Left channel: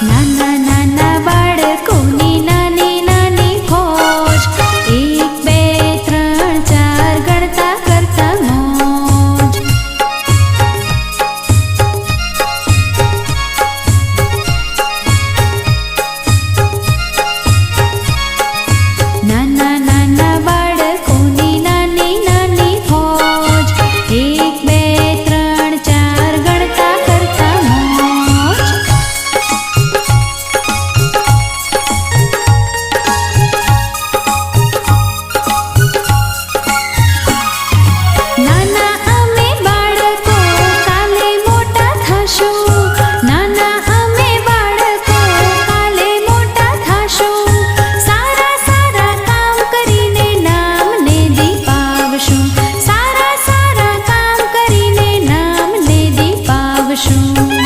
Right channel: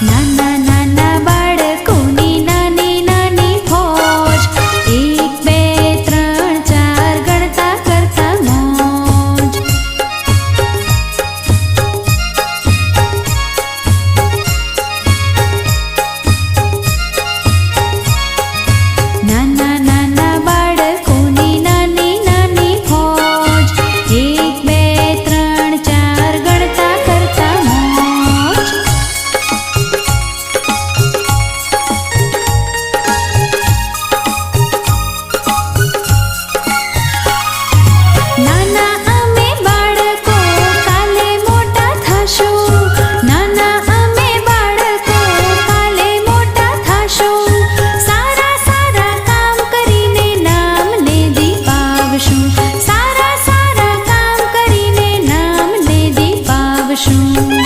な shoes.